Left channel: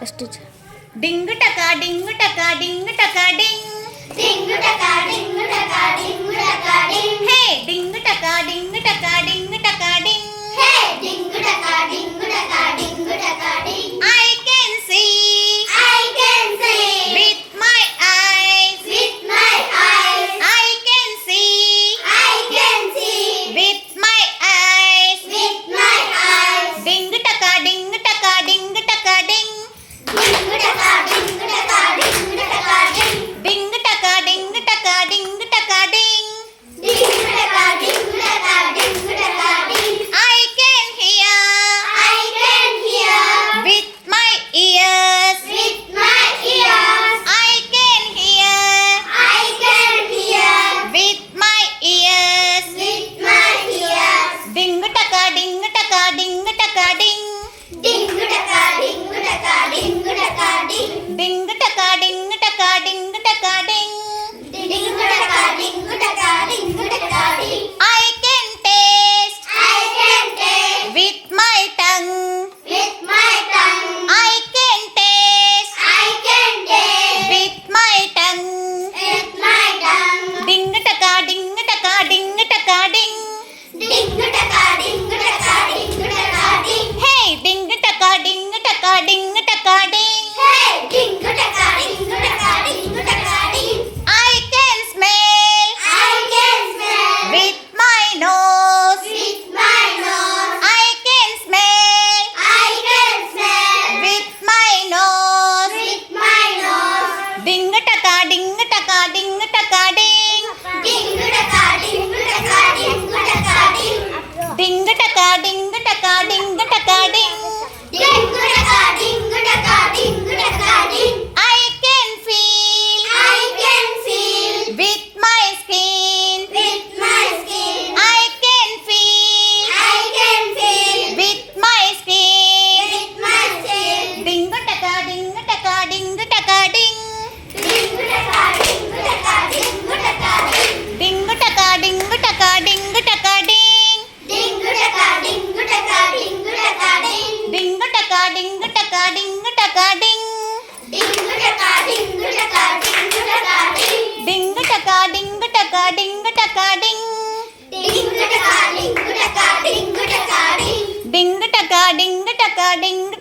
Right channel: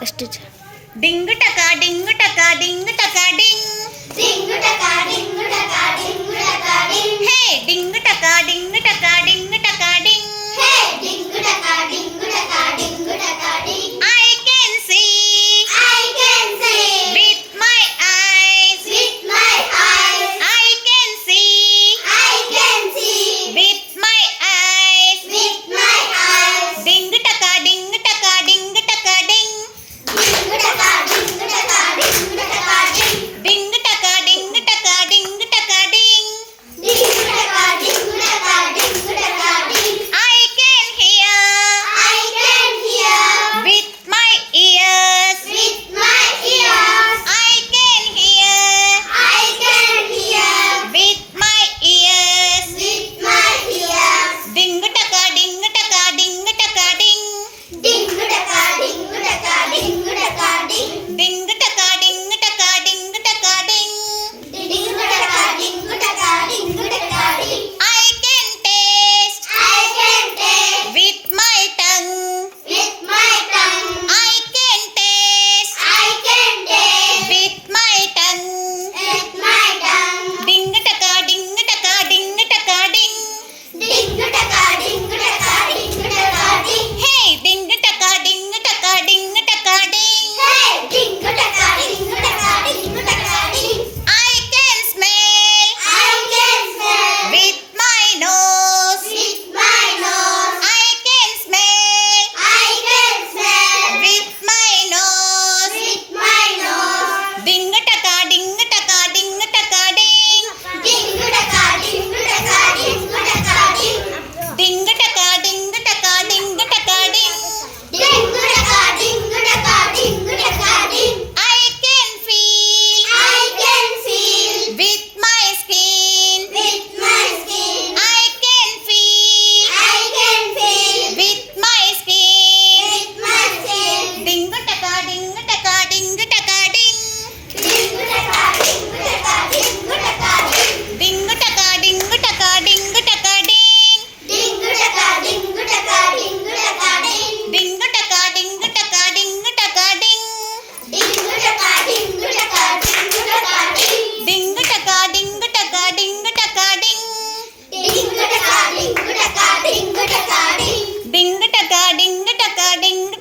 ఫస్ట్ డింగ్ టకా డింగ్ టకా డింగ్ టకా డింగ్ డింగ్ టకా డింగ్ టకా డింగ్ టకా డింగ్ హే డింగ్ టకా డింగ్ టకా డింగ్ టకా డింగ్ హే డింగ్ టకా డింగ్ టకా డింగ్ టకా డింగ్ I can see I can see with my eyes with my eyes I can see I can see with my eyes with my eyes డింగ్ టకా డింగ్ టకా డింగ్ టకా డింగ్ డింగ్ టకా డింగ్ టకా డింగ్ టకా డింగ్ డింగ్ టకా డింగ్ టకా డింగ్ టకా డింగ్ డింగ్ టకా డింగ్ టకా డింగ్ టకా డింగ్ I can hear I can hear with my ears with my ears I can hear I can hear with my ears with my ears డింగ్ టకా డింగ్ టకా డింగ్ టకా డింగ్ డింగ్ టకా డింగ్ టకా డింగ్ టకా డింగ్ డింగ్ టకా డింగ్ టకా డింగ్ టకా డింగ్ డింగ్ టకా డింగ్ టకా డింగ్ టకా డింగ్ I can taste I can taste with my tongue with my tongue I can taste I can taste with my tongue with my tongue డింగ్ టకా డింగ్ టకా డింగ్ టకా డింగ్ డింగ్ టకా డింగ్ టకా డింగ్ టకా డింగ్ హే డింగ్ టకా డింగ్ టకా డింగ్ టకా డింగ్ హే డింగ్ టకా డింగ్ టకా డింగ్ టకా డింగ్ I can smell I can smell with my nose with my nose I can smell I can smell with my nose with my nose డింగ్ టకా డింగ్ టకా డింగ్ టకా డింగ్ డింగ్ టకా డింగ్ టకా డింగ్ టకా డింగ్ డింగ్ టకా డింగ్ టకా డింగ్ టకా డింగ్ డింగ్ టకా డింగ్ టకా డింగ్ టకా డింగ్ I can feel I can feel with my skin with my skin I can feel I can feel with my skin with my skin డింగ్ టకా డింగ్ టకా డింగ్ టకా డింగ్ డింగ్ టకా డింగ్ టకా డింగ్ టకా డింగ్ డింగ్ టకా డింగ్ టకా డింగ్ టకా డింగ్ డింగ్ టకా డింగ్ టకా డింగ్ టకా డింగ్ డింగ్ టకా డింగ్ టకా డింగ్ టకా డింగ్ డింగ్ టకా డింగ్ టకా డింగ్ టకా డింగ్ డింగ్ టకా డింగ్ టకా డింగ్ టకా డింగ్ డింగ్ టకా డింగ్ టకా డింగ్ టకా డింగ్ డింగ్ టకా డింగ్ టకా డింగ్